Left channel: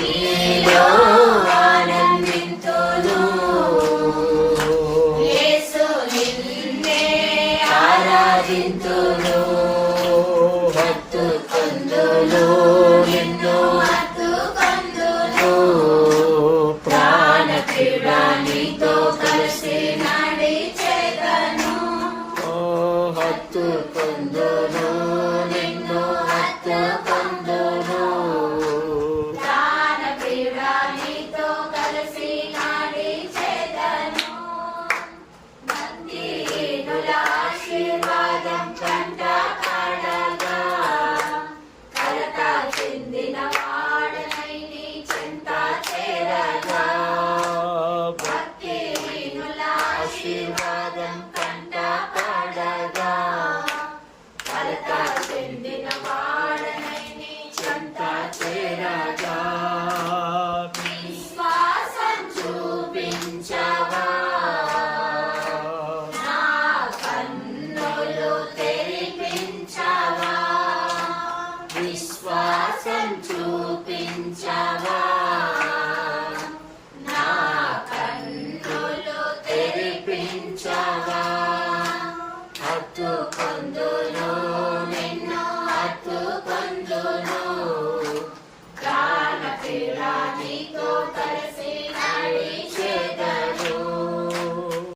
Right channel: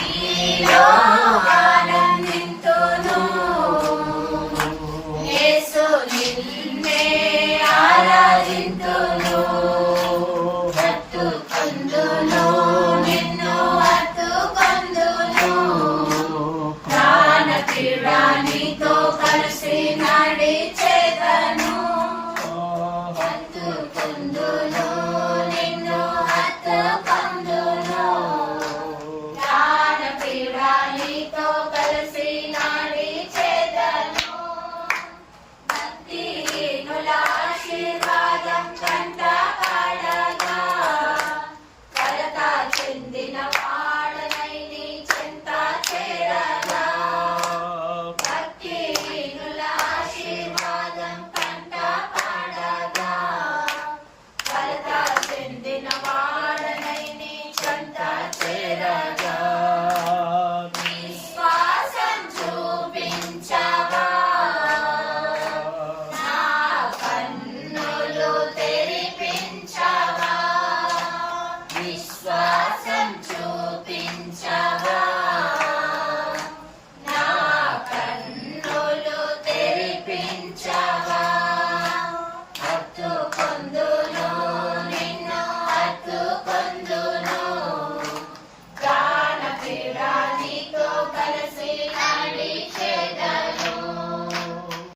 నీలో ఆనందింతును యేసు నిన్నే ఆరాధింతును హత్తుకొందును నిన్ను హత్తుకొందును ప్రాణప్రియుడా నీతో కలిసి నడిచెదను హత్తుకొందును నిన్ను హత్తుకొందును ప్రాణప్రియుడా నీతో కలిసి నడిచెదను భక్తిహీనుల ఆశీర్వాదం కంట పడగా కలత చెందిన వాడనై నీ చెంత చేరగా భక్తిహీనుల ఆశీర్వాదం కంట పడగా కలత చెందిన వాడనై నీ చెంత చేరగా విశ్వాసం చూపించవా నా కన్నులు తెరిపించవా విశ్వాసం చూపించవా నా కన్నులు తెరిపించవా హత్తుకొందును నిన్ను హత్తుకొందును